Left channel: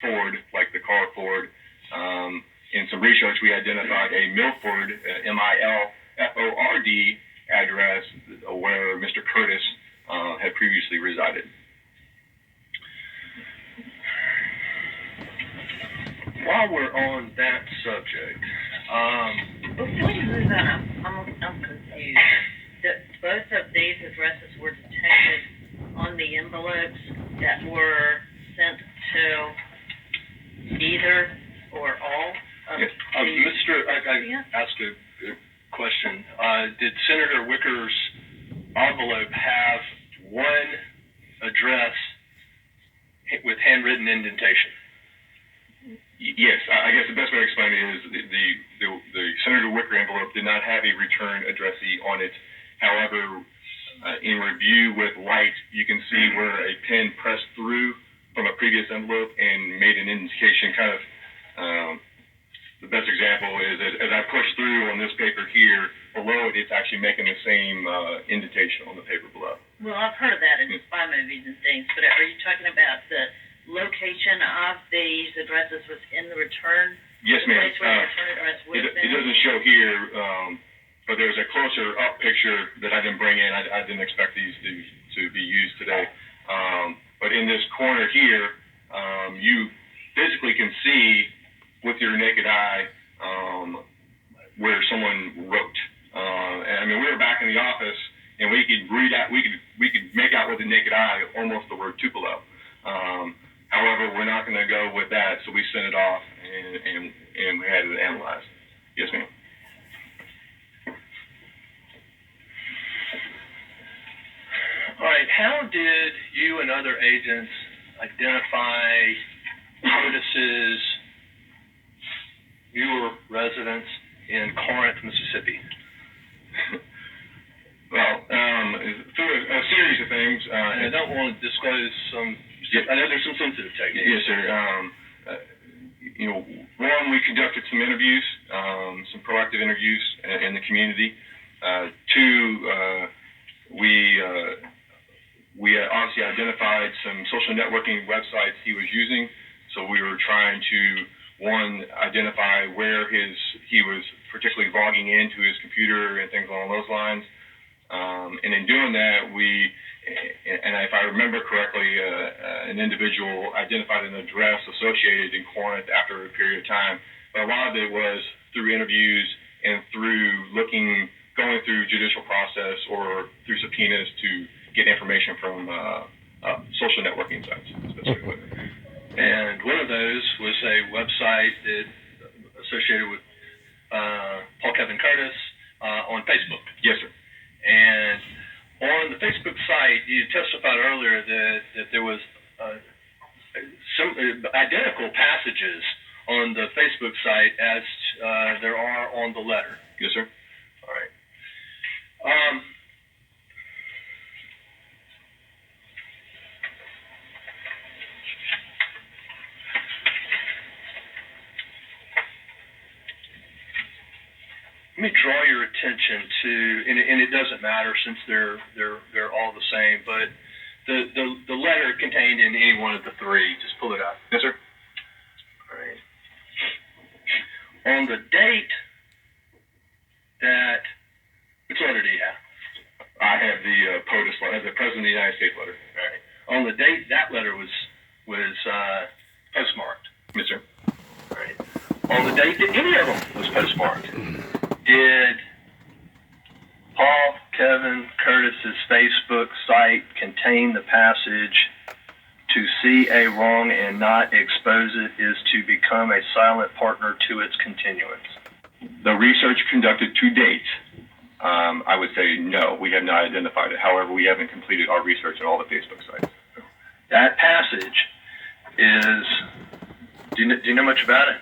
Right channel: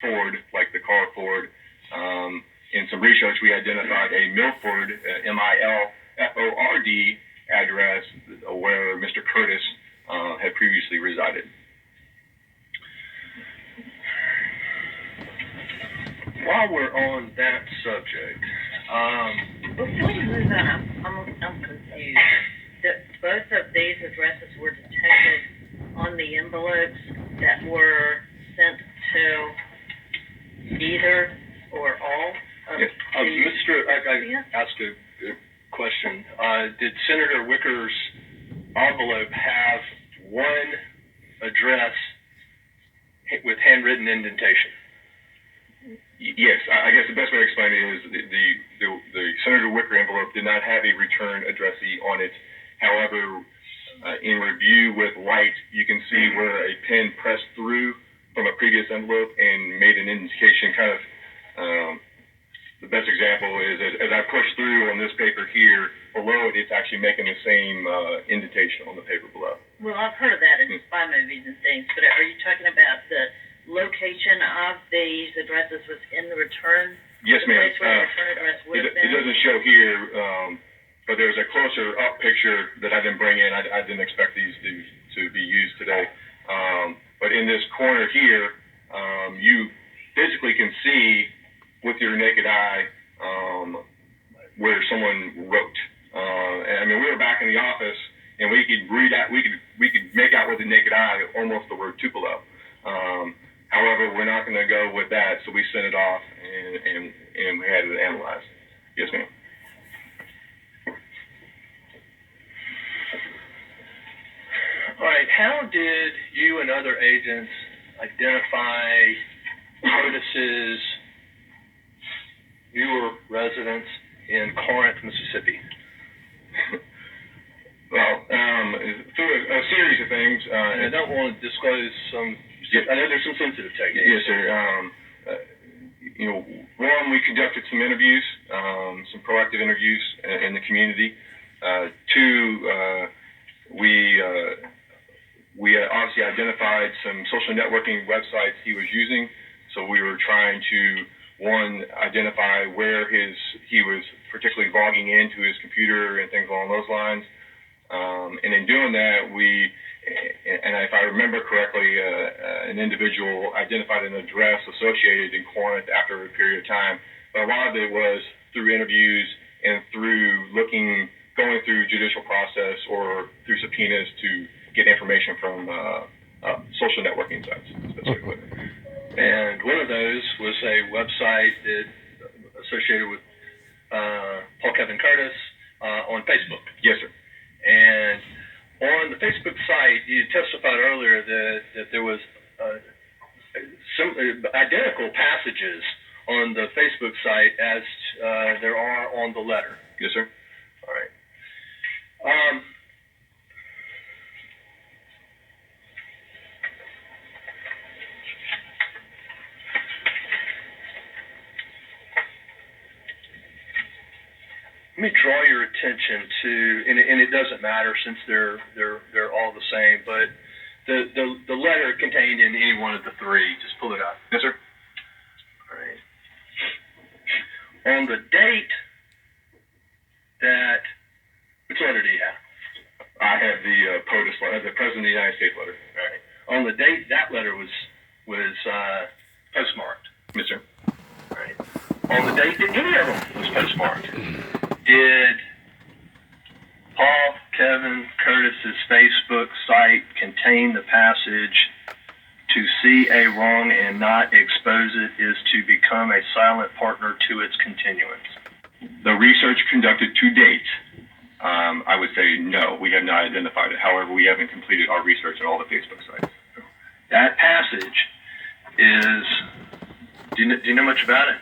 Ford, like the car Ford. In some research, we identified a Milford, Milford address where Mr. Curtis had previously resided. While we're on that subject, before you move on, I'm confused. Both of these addresses were detected on the envelopes that were sent to either or all of I asked a question. Did Senator Wicker's envelope have one address with handwritten indentation? Yes, I guess the best way to explain it is the Senator Wicker envelope did not have a return addressee on it. However, in review with light, you can see where a pen pressed through from a previous envelope and made an indication. Kind of the best example is as I push through on this paper here, below it, it's actually making the same indentation on the paper below. Well, I've heard of that in spy movies and things, but are you talking about the location of these addresses was in the return? Yes, ma'am. The place where the return address would have been? It doesn't show here, but there's a closer up picture that I didn't bring in. I didn't expect these to be used today. But in this corner here, you physically can see with your naked eye where someone wrote. And I mean, we were back in the office, and we could read out. We could make out with the naked eye almost the word Tupelo. However, we're not going to go with that, so we sent it off and we had it analyzed. Yes, ma'am. All right. How did you and other agents identify Curtis's newer residence in Corinth, Mississippi? Well, through a series of things. And I don't want to disclose some. I know there's some sensitive techniques. Yes, sir. One, we conducted some interviews, some proactive interviews in the community. Two, we obviously identified some social networking websites he was using. So we were trying to, one, identify where he was particularly logging into his computer and things along those lines. And in doing that, and if I remember correctly, an individual identified an address associated in Corinth after a period of time. But a lot of it was through interviews and through going through judicial process or through subpoenas to get information from social networking sites, specifically. And one of those was a website that associated with Paul Kevin Curtis on Facebook. Yes, sir. And on the Facebook site, you testified earlier that there was some identical passages on the Facebook site as there are on the letter. Yes, sir. All right. Let me draw your attention to, and it doesn't matter since they're all the same, but the letter contained in any one of the three. Just pull it out. Yes, sir. All right. On the date that, which letter do you have? I have the POTUS letter, the President of the United States letter. All right. On the date that letter was postmarked. Yes, sir. All right. On the date that any of them was postmarked, did Paul Kevin Curtis's Facebook site contain the passage, "To see a wrong and not expose it is to become a silent partner to its continuance"? The research conducted to date, I would say no, we have not identified it. However, we haven't completed our research on all the Facebook sites. That passage is, do you know much about it?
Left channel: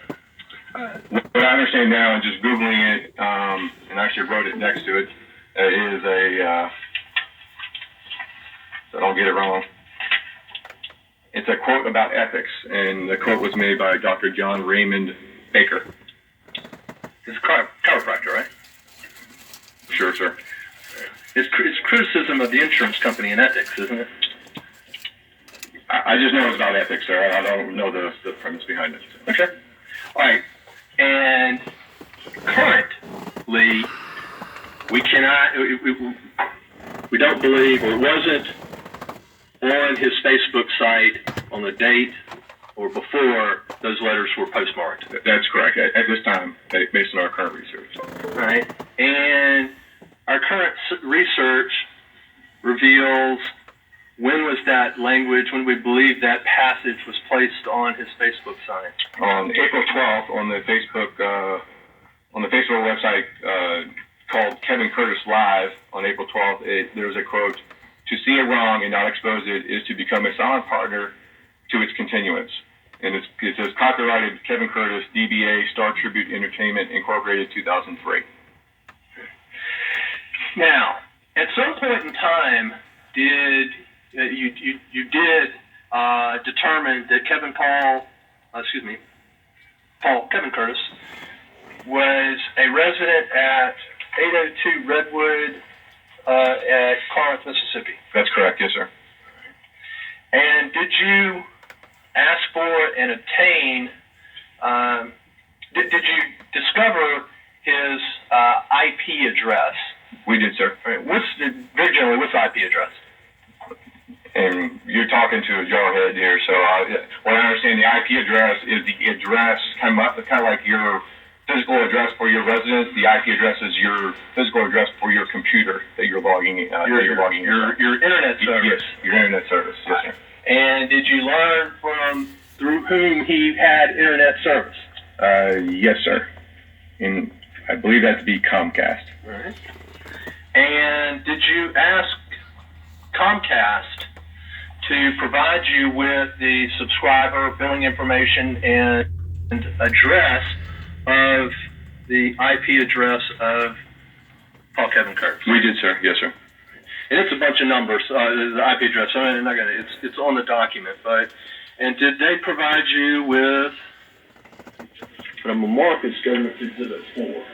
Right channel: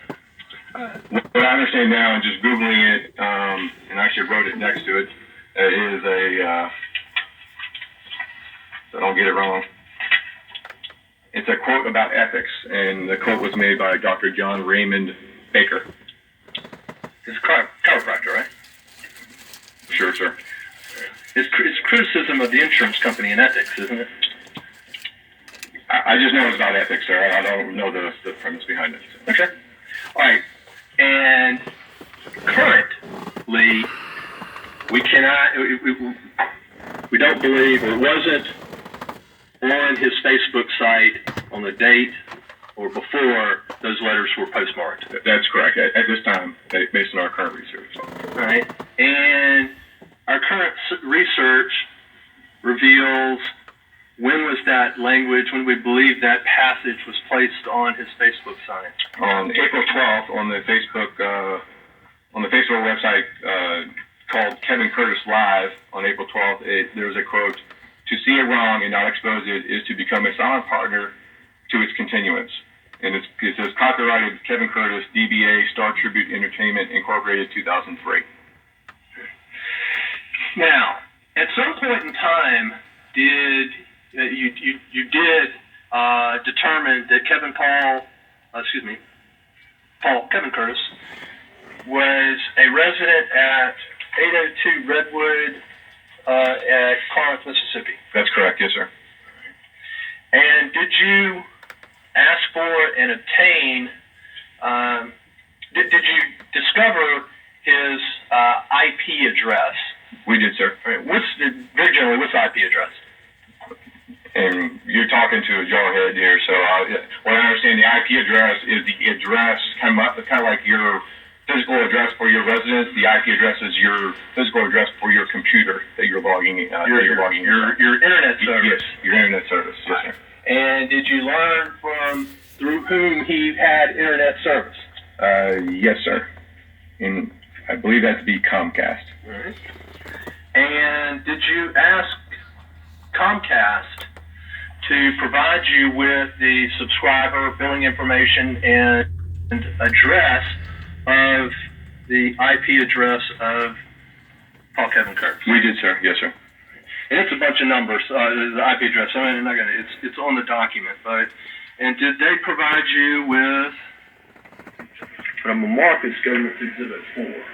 What I understand now, and just Googling it, and I actually wrote it next to it, is so I don't get it wrong. It's a quote about ethics, and the quote was made by Dr. John Raymond Baker. It's a chiropractor, right? Sure, sir. It's criticism of the insurance company and ethics, isn't it? I just know it's about ethics, sir. I don't know the premise behind it. So. Okay. All right. And currently, we cannot, we don't believe, or it wasn't on his Facebook site on the date or before those letters were postmarked. That's correct. At this time, based on our current research. All right. And our current research reveals when was that language, when we believe that passage was placed on his Facebook site? On April 12th, on the Facebook website called Kevin Curtis Live on April 12th, there was a quote, "To see a wrong and not expose it is to become a silent partner to its continuance." And it says copyrighted Kevin Curtis, DBA Star Tribute Entertainment Incorporated, 2003. Now, at some point in time, did you did determine that Kevin Curtis was a resident at 802 Redwood at Corinth, Mississippi? That's correct, yes, sir. And did you ask for and obtain? Did you discover his IP address? We did, sir. All right, what's the IP address? And you're talking to a jarhead here, so what I understand, the IP address is the address, kind of like your physical address for your residence. The IP address is your physical address for your computer that you're logging in. Your internet service. Yes, your internet service. Yes, sir. And did you learn through whom he had internet service? Yes, sir. And I believe that to be Comcast. All right. And did you ask Comcast to provide you with the subscriber billing information and address of the IP address of Paul Kevin Curtis? We did, sir. Yes, sir. And it's a bunch of numbers, the IP address. So I'm not gonna. It's on the document, but and did they provide you with? But I'm gonna mark as Government Exhibit 4.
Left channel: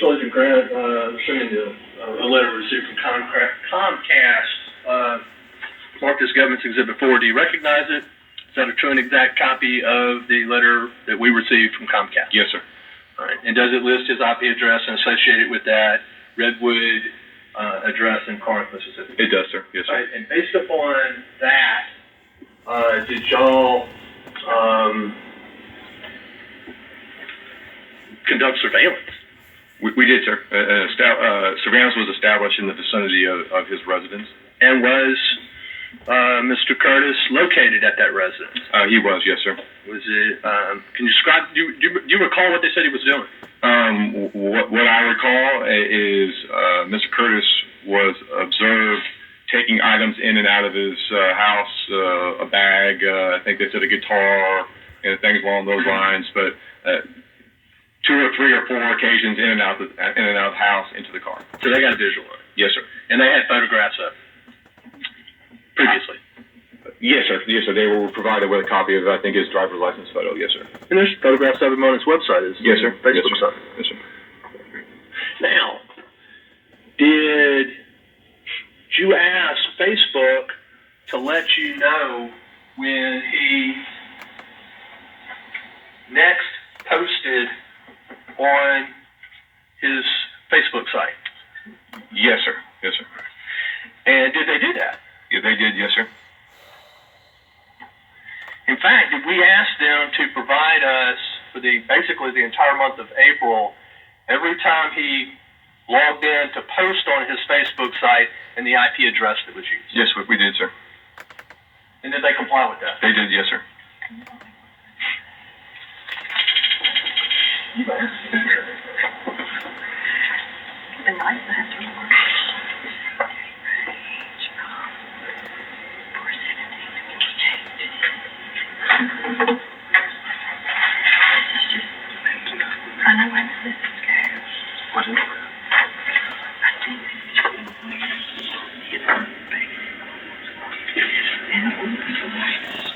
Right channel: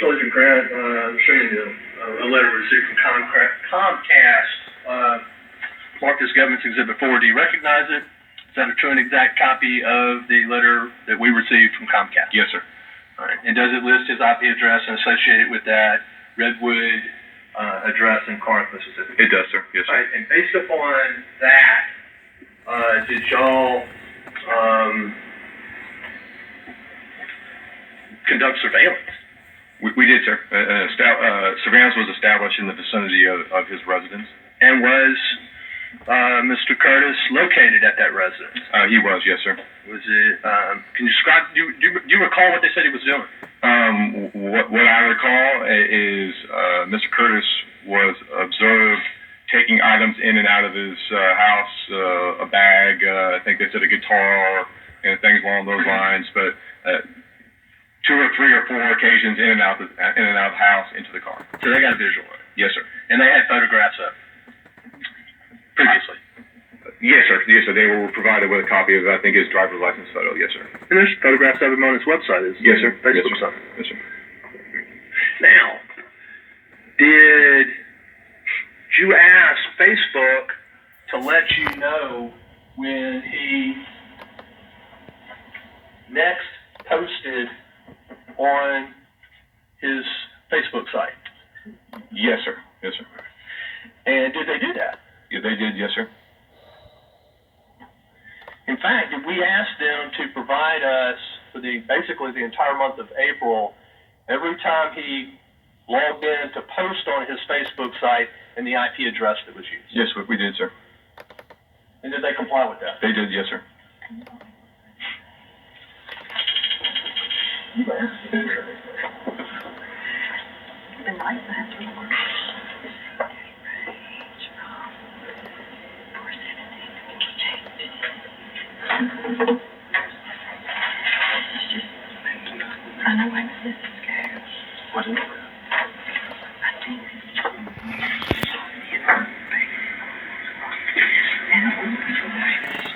Sergeant Grant, showing you a letter received from Comcast, marked as Government's Exhibit 4. Do you recognize it? Is that a true and exact copy of the letter that we received from Comcast? Yes, sir. All right. And does it list his IP address and associate it with that Redwood address in Corinth, Mississippi? It does, sir. Yes, sir. All right. And based upon that, did y'all conduct surveillance? We did, sir. Surveillance was established in the vicinity of his residence. And was Mr. Curtis located at that residence? He was, yes, sir. Was it? Can you describe? Do you recall what they said he was doing? What I recall is Mr. Curtis was observed taking items in and out of his house, a bag. I think they said a guitar and things along those lines, but. 2 or 3 or 4 occasions in and out of the house into the car. So they got a visual of it? Yes, sir. And they had photographs of it previously? Yes, sir. Yes, sir. They were provided with a copy of, I think, his driver's license photo. Yes, sir. And there's photographs of him on his website. Yes, sir. Facebook yes, sir. site. Yes, sir. Now, did you ask Facebook to let you know when he next posted on his Facebook site? Yes, sir. Yes, sir. And did they do that? Yeah, they did. Yes, sir. In fact, did we ask them to provide us for basically the entire month of April, every time he logged in, to post on his Facebook site and the IP address that was used? Yes, we did, sir. And did they comply with that? They did. Yes, sir. been nice to have some more. I know why this is scared. What is it? I think and it was